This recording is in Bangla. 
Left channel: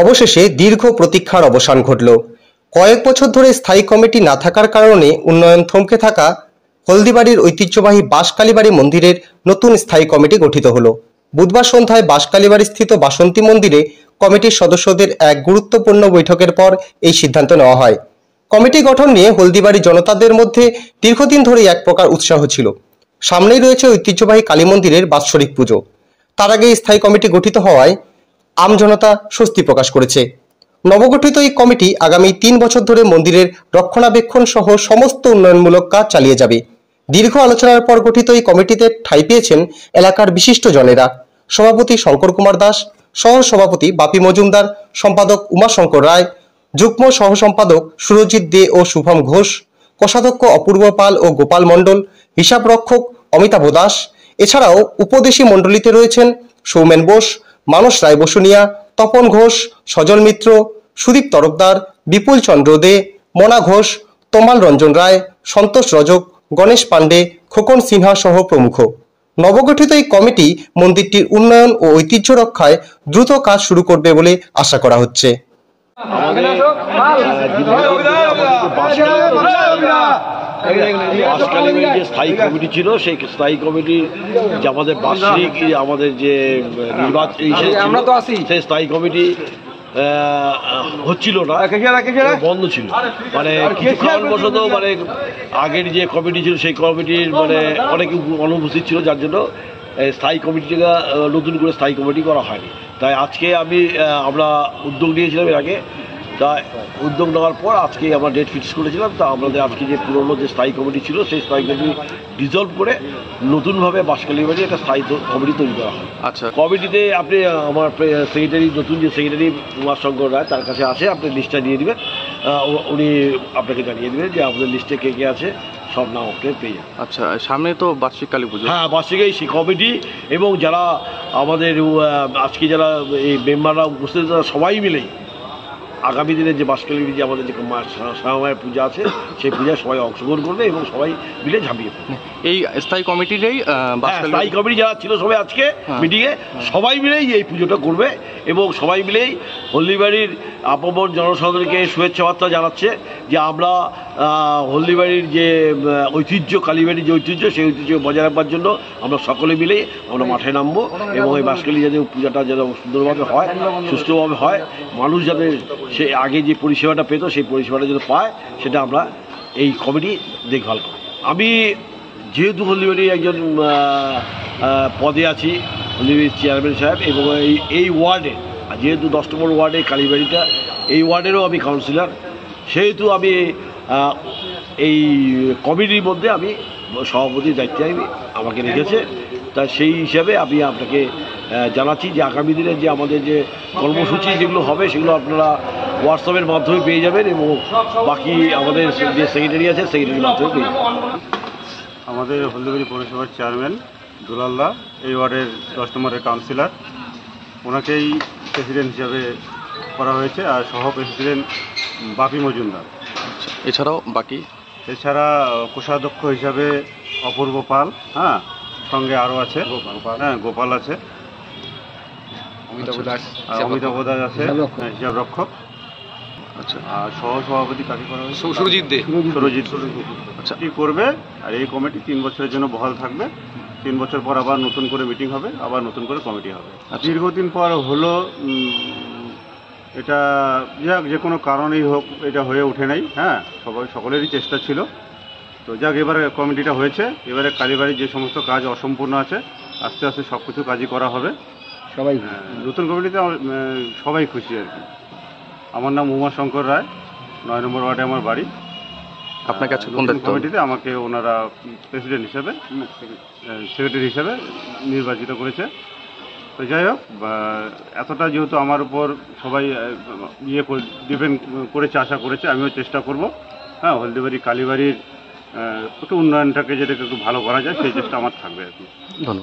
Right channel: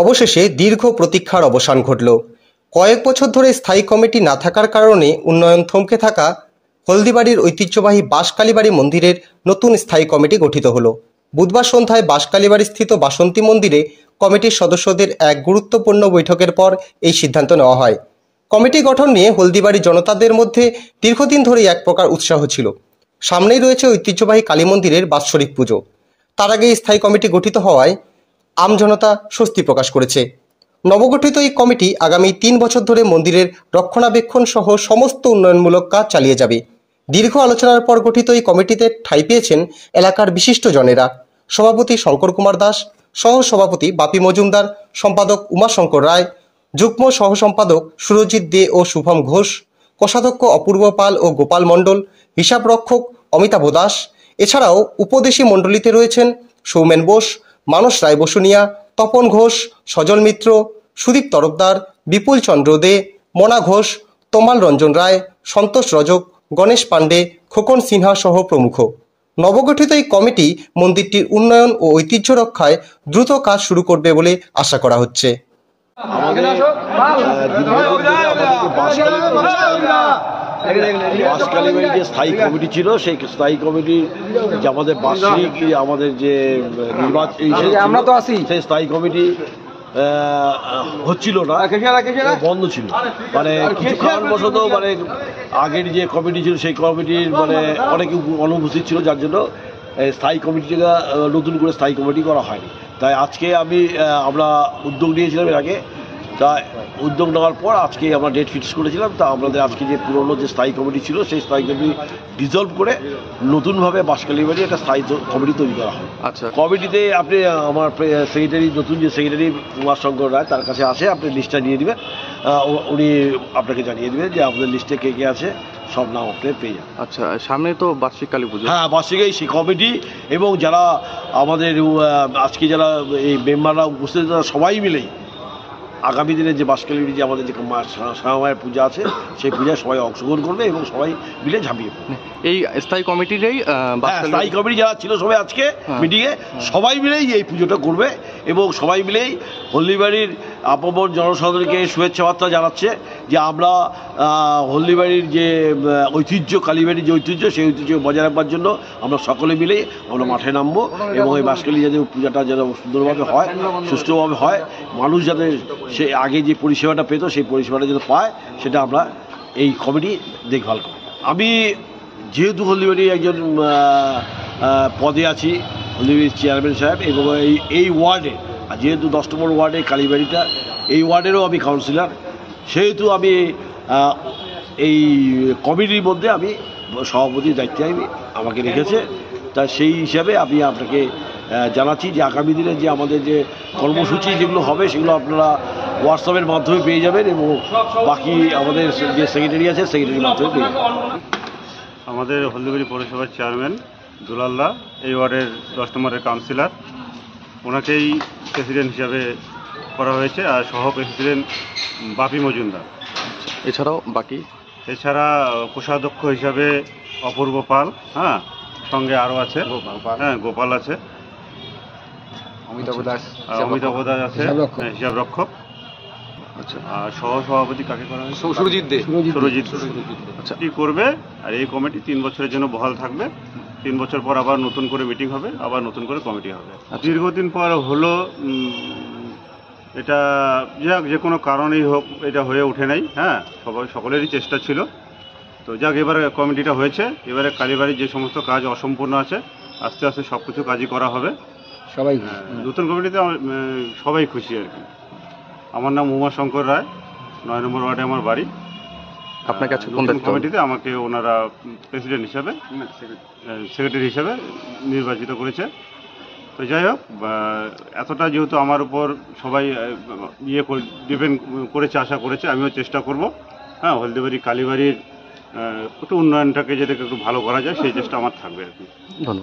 অবশেষে দীর্ঘ প্রতীক্ষার অবসান ঘটল। কয়েক বছর ধরে স্থায়ী কমিটি না থাকার কারণে উন্নয়ন থমকে থাকা হলদিবাড়ির ঐতিহ্যবাহী বাঁশকালীবাড়ি মন্দিরের নতুন স্থায়ী কমিটি গঠিত হলো। বুধবার সন্ধ্যায় বাঁশকালীবাড়ি স্থিত বাসন্তী মন্দিরে কমিটির সদস্যদের এক গুরুত্বপূর্ণ বৈঠকের পর এই সিদ্ধান্ত নেওয়া হয়। কমিটি গঠন নিয়ে হলদিবাড়ি জনতাদের মধ্যে দীর্ঘদিন ধরেই এক প্রকার উৎসাহ ছিল। সামনেই রয়েছে ঐতিহ্যবাহী কালী মন্দিরের বাৎসরিক পুজো। তার আগে স্থায়ী কমিটি গঠিত হওয়ায় আমজনতা স্বস্তি প্রকাশ করেছে। নবগঠিত এই কমিটি আগামী 3 বছর ধরে মন্দিরের রক্ষণাবেক্ষণ সহ সমস্ত উন্নয়নমূলক কাজ চালিয়ে যাবে। দীর্ঘ আলোচনার পর গঠিত এই কমিটিতে ঠাঁই পেয়েছেন এলাকার বিশিষ্ট জনেরা। সভাপতি শঙ্কর কুমার দাস, সহ সভাপতি বাপি মজুমদার, সম্পাদক উমাশঙ্কর রায়, যুগ্ম সহ সম্পাদক সুরজিৎ দে ও শুভম ঘোষ, কোষাধ্যক্ষ অপূর্ব পাল ও গোপাল মণ্ডল, হিসাব রক্ষক অমিতাভ দাস। এছাড়াও উপদেশী মণ্ডলীতে রয়েছেন সৌমেন বোস, মানস রায় বসুনিয়া, তপন ঘোষ, সজল মিত্র, সুদীপ তরফদার, বিপুল চন্দ্র দে, মনা ঘোষ, তমাল রঞ্জন রায়, সন্তোষ রজক, গণেশ পাণ্ডে, খোকন সিনহা সহ প্রমুখ। নবগঠিত এই কমিটি মন্দিরটির উন্নয়ন ও ঐতিহ্য রক্ষায় দ্রুত কাজ শুরু করবে বলে আশা করা হচ্ছে। বাঁশকালীবাড়ির যে স্থায়ী কমিটি ছিল, সেই স্থায়ী কমিটি যে আমাদের বার্ষিক আমাদের যে নির্বাচন সেই স্থায়ী কমিটি হচ্ছিল না, বন্ধ ছিল। মানে কিছু কারণবশত মানে আগের যে কমিটি ছিল সেই কমিটির মানে অনেকে অনুপস্থিত ছিল, যার জন্য স্থায়ী কমিটিটা নতুন করে স্থায়ী কমিটি করা হয়নি। তাই আজকে আমরা উদ্যোগ নিয়েছিলাম এর আগে। তা উদ্যোগ নেওয়ার পর আজকে আমরা ডেট ফিক্স করেছিলাম। তা আমাদের আজকে যে পুরনো যে স্থায়ী কমিটি ছিল সেই স্থায়ী কমিটি ডিজলভ করে নতুনভাবে বাঁশকালীবাড়ি একটা স্থায়ী কমিটি তৈরি করা হয়। আচ্ছা, কমিটিতে আপনি আমার সেক্রেটারি, নতুন যে সেক্রেটারি উমাশঙ্কর রায়, তার কাছে আছে, আপনি লিস্টটা দিয়ে দেবেন। উনি আপনাকে জানিয়ে দেবেন যে আমাদের লিস্টে কে কে আছে, সব নাম আপনি পেয়ে যাবেন। আচ্ছা, সামনে তো বার্ষিক কালী পুজো। হ্যাঁ, বার্ষিক এই কমিটি এবং যারা আমাদের আজকে যারা এই মেম্বাররা উপস্থিত, তারা সবাই মিলেই আগামী দিনে যে বাঁশকালীবাড়ি যে আমাদের যে স্বয়ংমায়ের পূজা আছে, সেই পূজায় সবাই অংশগ্রহণ করবে এবং সবাই মিলে ঝাঁপিয়ে পড়বে। এই স্থায়ী কমিটিরই স্থায়ী কমিটি যারা ছিল সবাই আজকে মিটিংয়ে সবাই মিলেই এই পুজোটা করবে এবং সবাই মিলেই হলদিবাড়ির আপন জনসাধারণকে শুভেচ্ছা বার্তা জানাচ্ছে যে আমরা হলদিবাড়ির যে ঐতিহ্য, কালীবাড়ির যে ঐতিহ্য, সেই ঐতিহ্য বজায় রাখবার জন্য আমরা সকলে মিলেই আমরা মাঠে নামবো এবং এই বাঁশকালী যাতে পূজাটা যেন সুন্দরভাবে হয়, সুষ্ঠুভাবে হয়, মানুষ যাতে সে আগে যে পরিষেবাটা পেত সেই পরিষেবাটা যেন পায়, সেটা আমরা এই কমিটি দেখভাল করি। আমি যেহেতু হলদিবাড়ির একজন পদে আছি, হলদিবাড়ির চেয়ারম্যান সাহেব, এবং এই ওয়ার্ডে যেহেতু 10 নম্বর ওয়ার্ডে কালীবাড়িটা, এই ওয়ার্ডেরও আমি কাউন্সিলর, সেহেতু আমি এই কমিটির মধ্যে আমি সভাপতির দায়িত্বে আমাকে রেখেছে। তা সেই হিসাবে আমি আপনাকে জানাচ্ছি যে আগামী দিনে যে আমাদের যে কর্মসূচি যেগুলো হবে সেগুলো আপনারা হোয়াটসঅ্যাপের মাধ্যমে পেয়ে যাবেন এবং বাকি আমাদের যে সেক্রেটারি আছে সেক্রেটারির মাধ্যমে পেয়ে যাবেন। আমাদের হলদিবাড়ি পৌরসভার চেয়ারম্যান দুলালদা, এই ওয়ার্ডের 10 নম্বরের কাউন্সিলর, ওনাকেই প্রেসিডেন্ট হিসাবে করা হয়েছে, আর সহ প্রেসিডেন্ট বাপি মজুমদার। এছাড়া কোষাধ্যক্ষ হিসাবে অপূর্ব পাল, হ্যাঁ, সঙ্গে আরও আছে গোপাল আছে, অমিতাভ দাস আছে হিসাব রক্ষক। আচ্ছা, আর সহ সভাপতি কাকে করা হয়েছে? সুরজিৎ দে। আচ্ছা, কি করবে, আর এই কমিটি 3 বছরের জন্য বহাল থাকবে। 3 বছর পর আবার নতুন করে মিটিং হবে, আবার নতুন করে কমিটি হবে। দীর্ঘদিন পর হলো, এটা যাক যে কোনো কারণেই হোক এটা হয়ে ওঠে নাই। হ্যাঁ, সকলেরই চেষ্টা ছিল। তো যাক, এবারে কমিটিটা হয়েছে। এবারে কালীবাড়ির যে সমস্ত কাজ অসম্পূর্ণ আছে, আস্তে আস্তে সব কিছু কাজই করা হবে। সবাই নতুন কমিটিতে সবাই খুশি আর কি। আমার নাম উমাশঙ্কর রায়, 9 নম্বর ওয়ার্ডে আমার বাড়ি। আপনার কাছে কমিটিতে আমাকে ওনারা প্রেসিডেন্ট হিসাবে, সেক্রেটারি হিসাবে নির্বাচিত করেছে। তো যাই হোক, এতটা যেহেতু আমার উপর সবাই ডিপেন্ড করেছে, আশা করেছে, আমিও চেষ্টা করব, হ্যাঁ, হলদিবাড়ি কালীবাড়ির একটু উন্নয়নটাকে যাতে একটু ভালো করা যায় সেই চেষ্টা আমার থাকবে আর কি। ধন্যবাদ।